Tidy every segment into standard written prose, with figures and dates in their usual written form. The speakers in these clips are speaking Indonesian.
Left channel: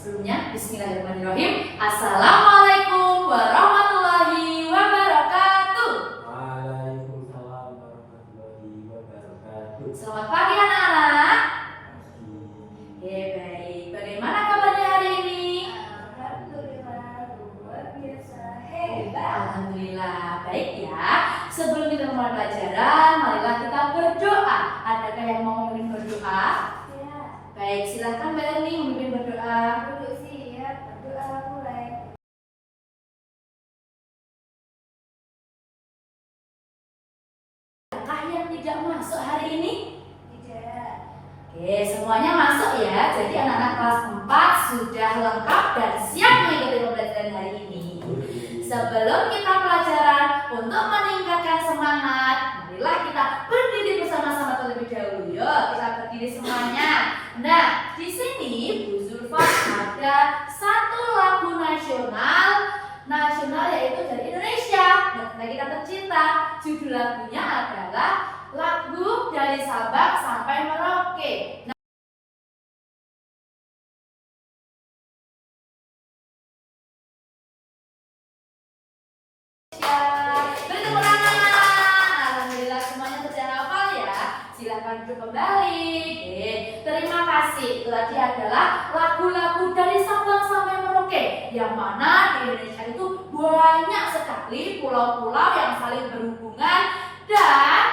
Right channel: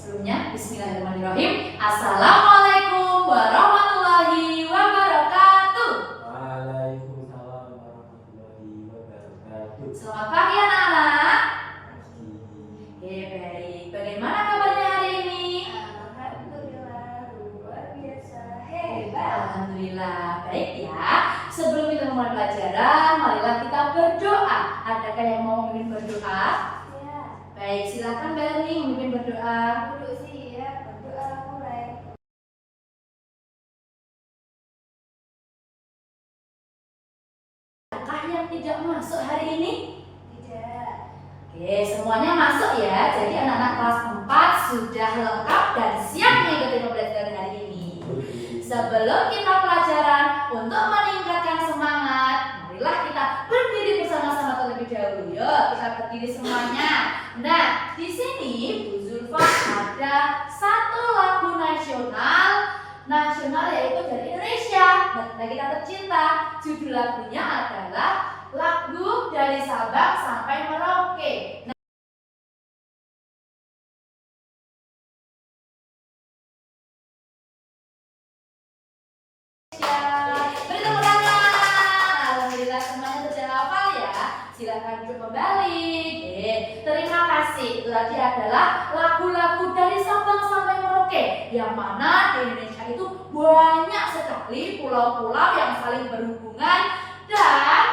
Sebelumnya, bismillahirrahmanirrahim. Assalamualaikum warahmatullahi wabarakatuh. Waalaikumsalam warahmatullahi wabarakatuh. Selamat pagi anak-anak. Pagi. Baik. Bagaimana kabarnya hari ini? Alhamdulillah, luar biasa hebat. Alhamdulillah, baik ya. Sebelum kita mulai pelajaran, marilah kita berdoa. Adakah yang mau memimpin berdoa? Ya, Baik, silakan Mbak Erni memimpin berdoa. dulu sih ya, berdoa mulai. Adakah yang tidak masuk hari ini? Tidak. Oke, semuanya masuk ya. Jadi anak-anak kelas 4 sudah lengkap dan siap mengikuti pembelajaran hari ini. Sebelum kita pelajaran, untuk meningkatkan semangat, marilah kita berdiri bersama-sama terlebih dahulu. Yuk, kita berdiri semuanya. Nah, di sini Bu Zulfa ada satu lagu nasional yaitu dari Indonesia, negara kita tercinta. Judul lagunya adalah Lagu dari Sabang sampai Merauke. Beri tepuk tangan. Alhamdulillah semuanya sudah hafal ya. Silakan duduk kembali. Oke, terima kasih. Itu tadi adalah lagu-lagu dari Sabang sampai Merauke, yang mana di Indonesia itu banyak sekali pulau-pulau yang saling berhubungan dan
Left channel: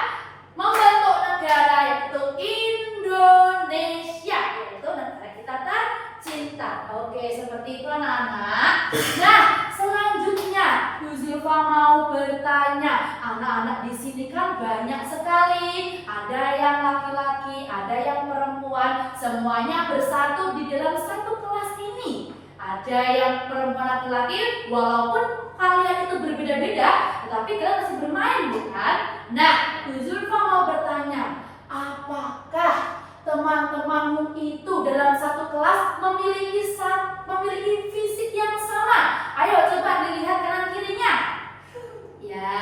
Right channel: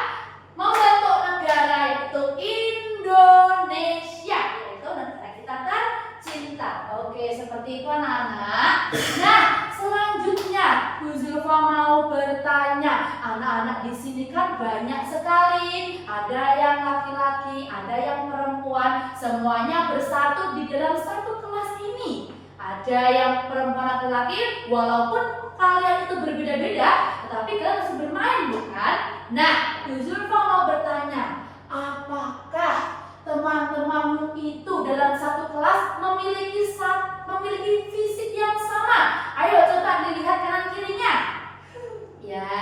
membentuk negara, yaitu Indonesia, yaitu negara kita tercinta. Oke, seperti itu anak-anak. Nah, selanjutnya Bu Zulfa mau bertanya. Anak-anak di sini kan banyak sekali. Ada yang laki-laki, ada yang perempuan. Semuanya bersatu di dalam satu kelas ini. Ada yang perempuan laki-laki, walaupun kalian itu berbeda-beda, tetapi kalian masih bermain, bukan? Nah, Bu Zulfa mau bertanya, apakah teman-temanmu itu dalam satu kelas memiliki fisik yang sama? Ayo coba dilihat kanan kirinya. Ya,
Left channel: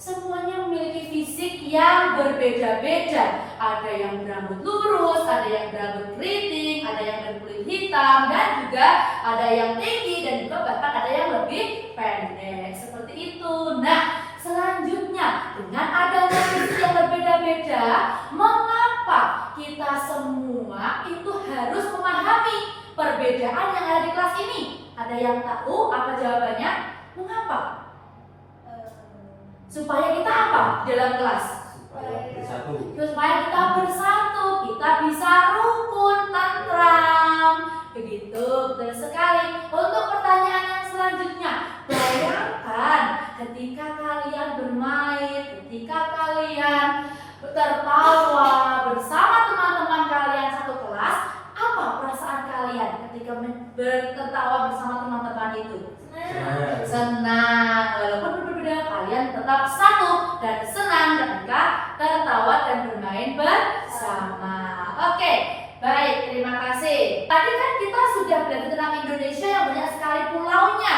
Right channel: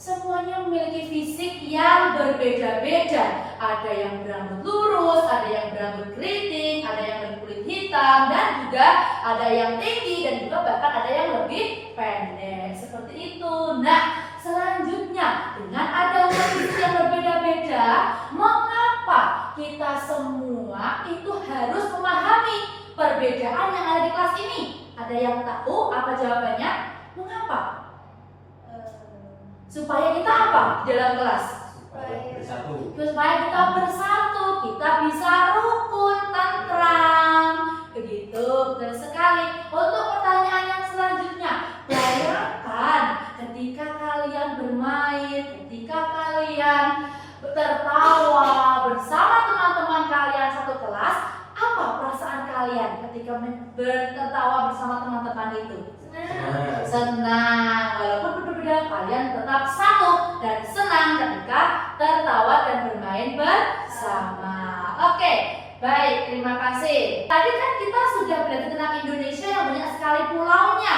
semuanya memiliki fisik yang berbeda-beda. Ada yang berambut lurus, ada yang berambut keriting, ada yang berkulit hitam, dan juga ada yang tinggi, dan juga bahkan ada yang lebih pendek. Seperti itu. Nah, selanjutnya, dengan adanya fisik yang berbeda-beda, mengapa kita semua itu harus memahami perbedaan yang ada di kelas ini? Ada yang tahu apa jawabannya? Mengapa? Supaya kita apa di dalam kelas? Supaya kita bersatu, kita bisa rukun, tentram. Begitu, betul sekali. Untuk pertanyaan yang selanjutnya, bayangkan ketika kalian bermain, ketika kalian tertawa bersama teman-teman kalian satu kelas, apa perasaan kalian ketika tertawa bersama teman-teman itu? Senang. Walaupun berbeda, kalian tetap satu dan senang ketika tertawa dan bermain bersama. Oke, baik, terima kasih. Tadi kan kita sudah belajar tentang Indonesia yang banyak sekali pulaunya.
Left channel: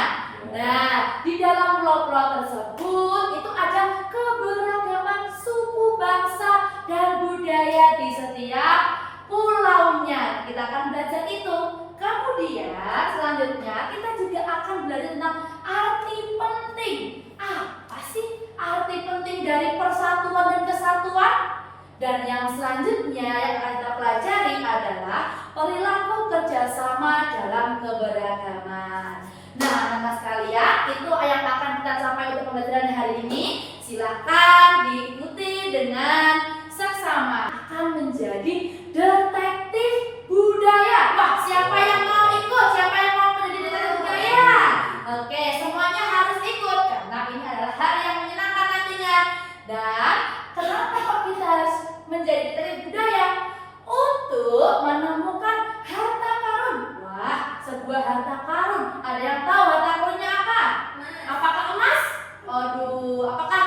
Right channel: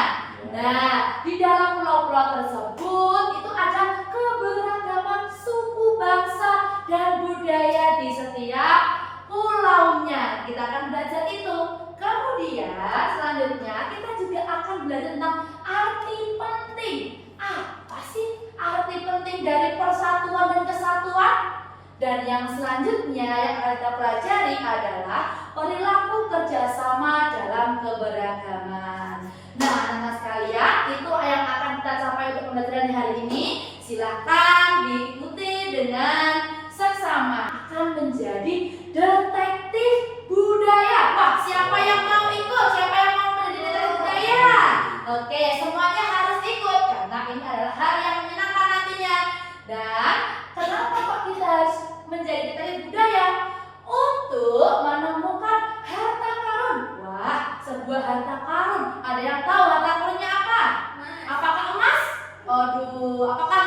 Nah, di dalam pulau-pulau tersebut itu ada keberagaman suku, bangsa, dan budaya di setiap pulaunya. Kita akan belajar itu. Kemudian selanjutnya kita juga akan belajar tentang arti penting. Apa sih arti penting dari persatuan dan kesatuan? Dan yang selanjutnya yang akan kita pelajari adalah perilaku kerjasama dalam keberagaman. Nah, anak-anak sekalian, itu yang akan kita capai untuk pembelajaran hari ini. Silakan diikuti dengan seksama. Akan menjadi detektif budaya. Wah, siapa yang mau ikut? Siapa yang mau menjadi detektif budaya? Oke, semuanya harus ikut karena ini adalah hari yang menyenangkan nantinya. Dan kenapa kok kita harus menjadi detektif budaya? Untuk menemukan harta karun. Wah, sebuah harta karun. Ada yang tahu harta karunnya apa? Apakah emas? Aduh, apakah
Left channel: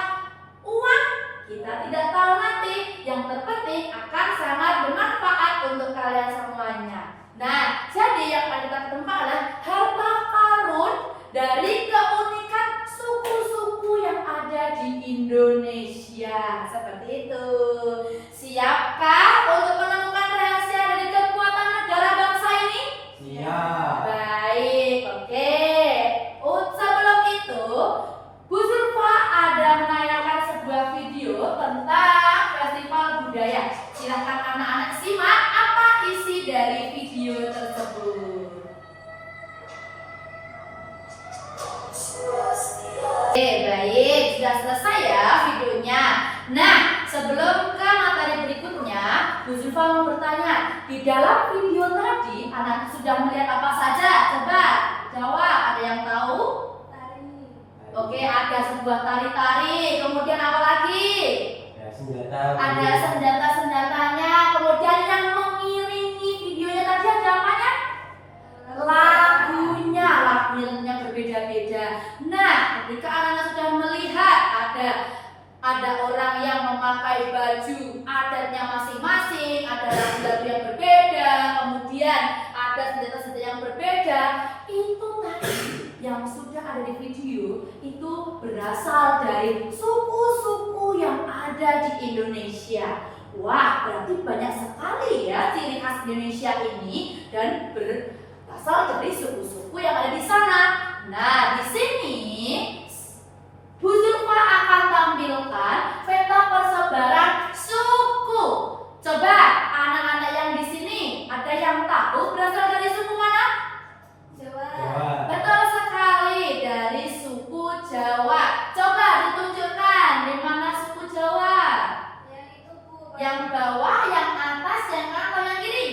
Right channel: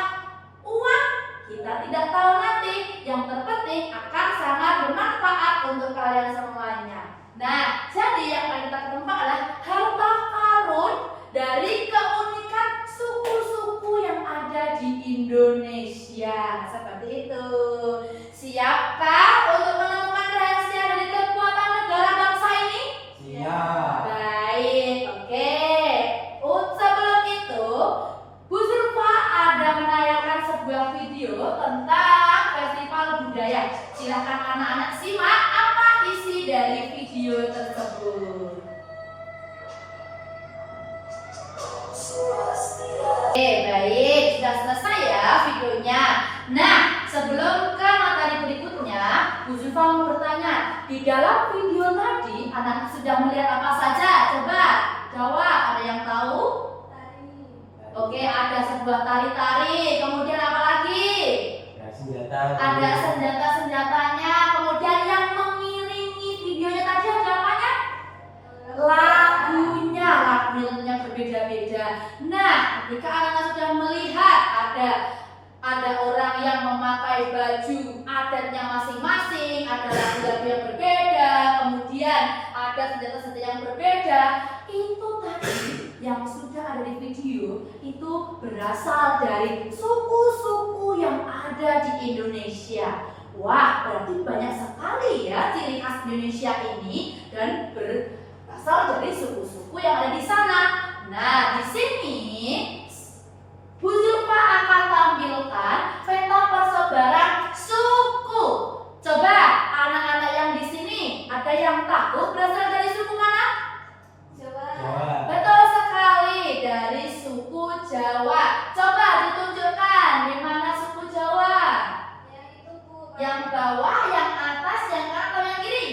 uang? Kita tidak tahu nanti. Yang terpenting akan sangat bermanfaat untuk kalian semuanya. Nah, jadi yang akan kita ketemukan adalah harta karun dari keunikan suku-suku yang ada di Indonesia. Seperti itu. Siapkah untuk menemukan rahasia dari kekuatan negara bangsa ini? Siap. sudah selesai ya videonya. Nah, sebelum ke materi berikutnya, Bu Zulfa mau bertanya, di dalam video tadi anak sudah melihat apa saja? Coba jawab, ada yang tahu? Tari. Oke, ada sebuah tari-tari, kemudian apa lagi? Ya, senjata. Ada senjata-senjatanya, kemudian yang mengiringi videonya tadi ada apanya? Lagunya berbeda-beda. Nah, ketika anak-anak sudah melihat ada orang yang memakai baju adatnya masing-masing, ada lagu-lagu yang berbeda, kemudian ada senjata-senjata yang berbeda, itu tadi yang sudah ada di video itu berasal dari suku-suku yang ada di Indonesia. Wah, berarti banyak sekali ya ciri khas Indonesia ini dan berasal dari suku-suku yang ada di sana. Nah, di sini Bu Zulfa akan tampilkan peta persebaran suku. Coba anak-anak yang di sini ada yang tahu berasal dari suku mana? Jawa. Jawa. Betul sekali, dari suku Jawa. Coba ditunjukkan di mana suku Jawa. Yang itu Bu. Yang bawah, yang atas, yang kanan, atau yang kiri?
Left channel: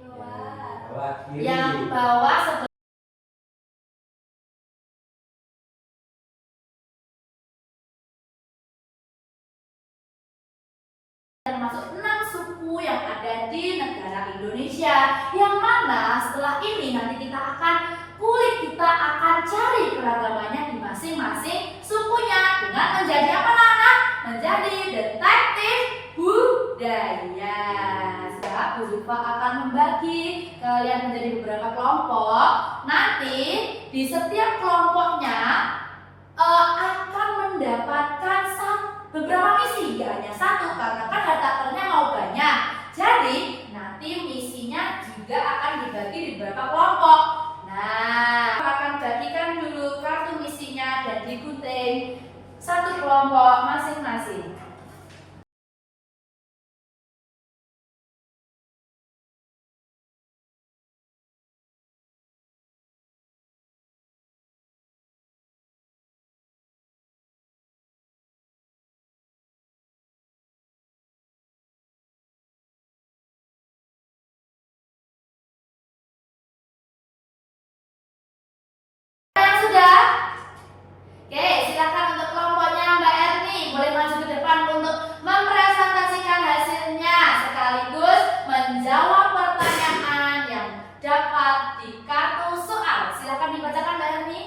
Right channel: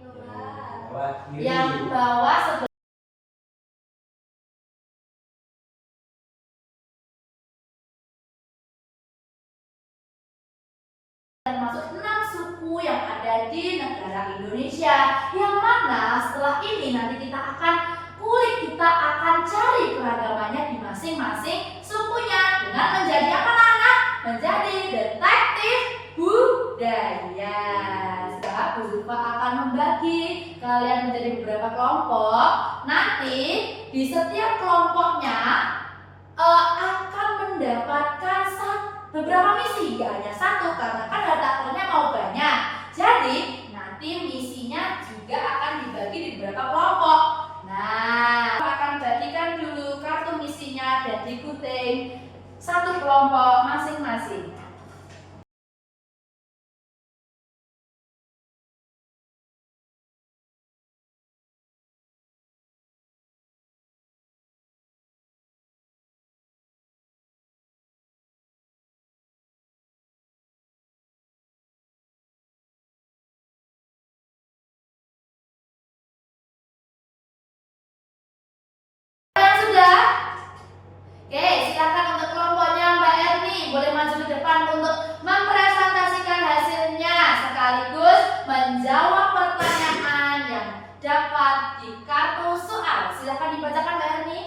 Bawah. Bawah kiri. Yang bawah sebelah termasuk 6 suku yang ada di negara Indonesia, yang mana setelah ini nanti kita akan cari keragamannya di masing-masing sukunya dengan menjadi apa anak? Menjadi detektif budaya. Sekarang Bu Zulfa akan membagi kalian menjadi beberapa kelompok. Nanti di setiap kelompoknya akan mendapatkan beberapa misi, ya hanya satu karena kan harta mau banyak. Jadi nanti misinya juga akan dibagi di beberapa kelompok. Nah, akan bagikan dulu kartu misinya dan digunting satu kelompok masing-masing. Sudah? Oke, silakan untuk kelompoknya Mbak Erni boleh maju ke depan untuk mempresentasikan hasilnya sekaligus menjawab pertanyaan yang dapat di kartu soal. Silakan dibacakan Mbak Erni.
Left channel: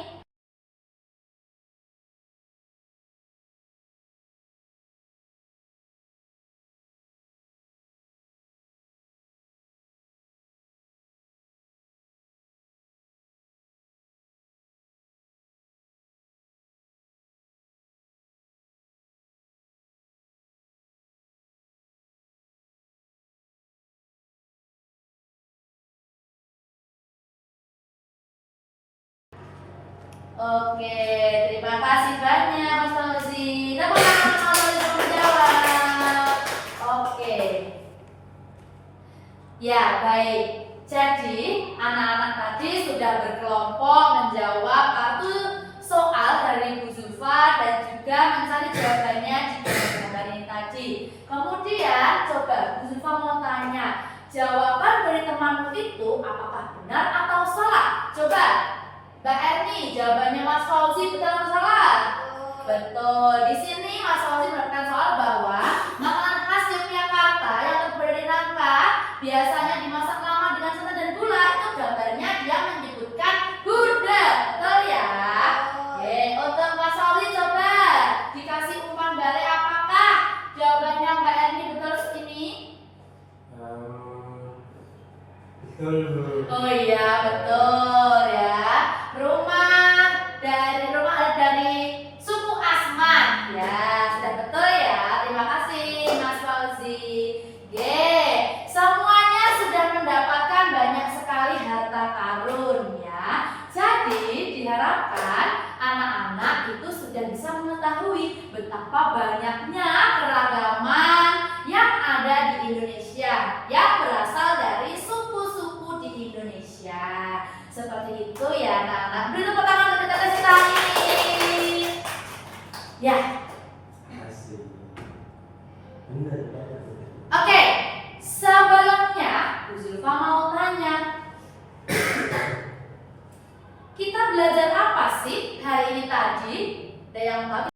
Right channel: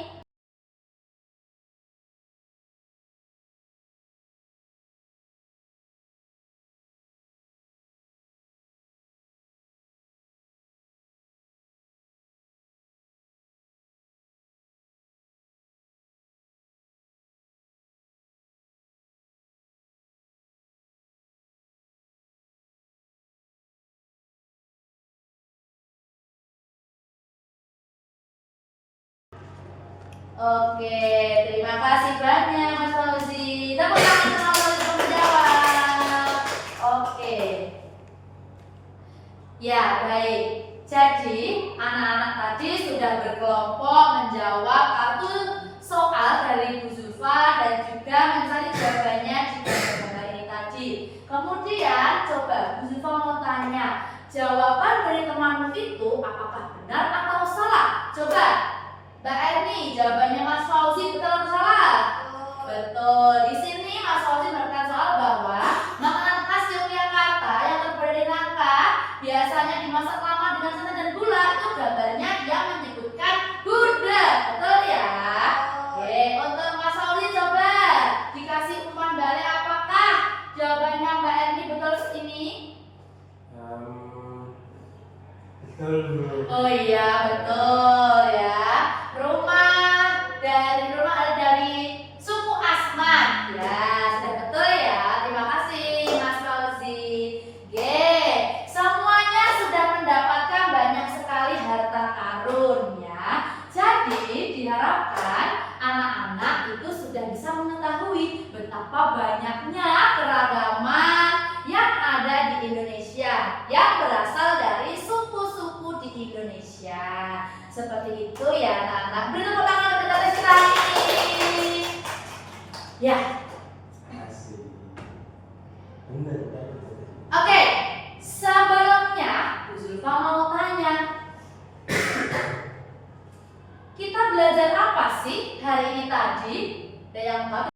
Oke, terima kasih banyak Mas Fauzi. Tepuk tangan teman-teman untuk menjawab. Oke. Ya, baik. Jadi, anak-anak tadi sudah berkelompok menjawab kartu soal dari Bu Zulfa dan juga mencari jawabannya di gambar ini tadi. Kemudian, coba Bu Zulfa mau tanya, jawaban dari temanmu itu apakah benar atau salah? Coba Mbak Erni, jawabannya Mas Fauzi betul atau salah? Betul. Di sini Mas Fauzi mendapatkan soal bahwa makanan khas Yogyakarta yang terbuat dari nangka biasanya dimasak lama dengan santan dan gula. Itu gambarnya dia menyebutkan gudeg. Betul ya? Oke, untuk Mas Fauzi coba dikasih umpan balik apakah jawabannya Mbak Erni betul ini? Betul. Oh iya, betul ya. Rumah ada dari suku Asman. Ya, sudah betul ya. Terima kasih Mas Fauzi. Oke, semuanya sudah mendapatkan banyak sekali harta karun ya. Jadi diharapkan anak-anak itu sudah bisa mengetahui betapa banyaknya keragaman yang ada di Indonesia yang berasal dari suku-suku di Indonesia. Seperti itu ya anak-anak. Beri tepuk tangan untuk kita ini. Ya, belajar apa sih hari ini tadi? Ada yang tahu?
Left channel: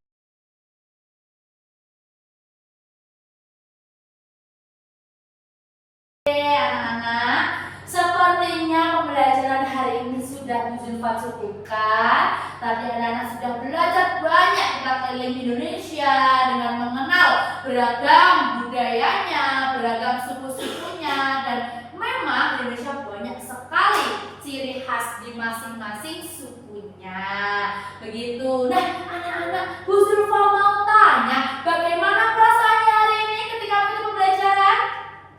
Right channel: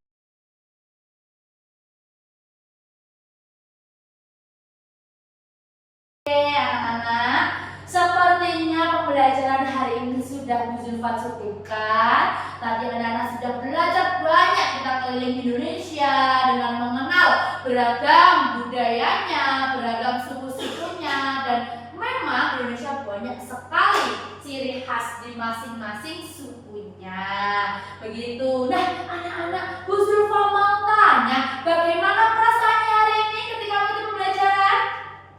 Anak-anak, sepertinya pembelajaran hari ini sudah Bu Zulfa cukupkan. Tadi anak-anak sudah belajar banyak tentang keliling Indonesia dengan mengenal beragam budayanya, beragam suku-sukunya, dan memang Indonesia banyak sekali ciri khas di masing-masing sukunya. Begitu. Nah, anak-anak, Bu Zulfa mau tanya, bagaimana perasaannya hari ini ketika mengikuti pembelajaran?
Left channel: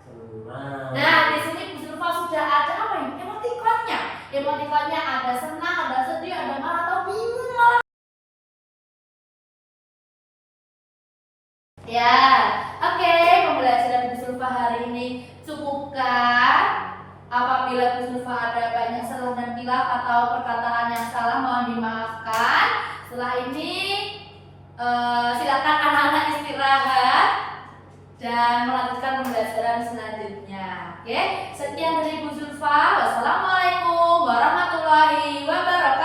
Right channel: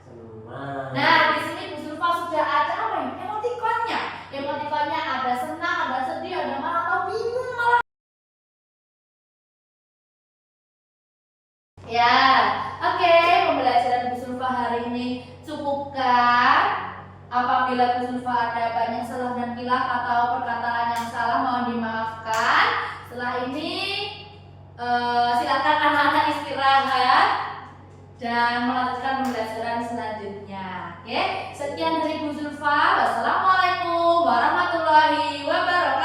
Senang. Nah, di sini Bu Zulfa sudah ada apa ya? Emotikonnya. Emotikonnya ada senang, ada sedih, ada marah atau bingung malah. Ya, oke, pembelajaran Bu Zulfa hari ini cukupkan. Apabila Bu Zulfa ada banyak salah dan khilaf atau perkataan yang salah, mohon dimaafkan. Setelah ini silakan anak-anak istirahat dan melanjutkan pembelajaran selanjutnya. Oke, sekian dari Bu Zulfa. Wassalamualaikum warahmatullahi wabarakatuh.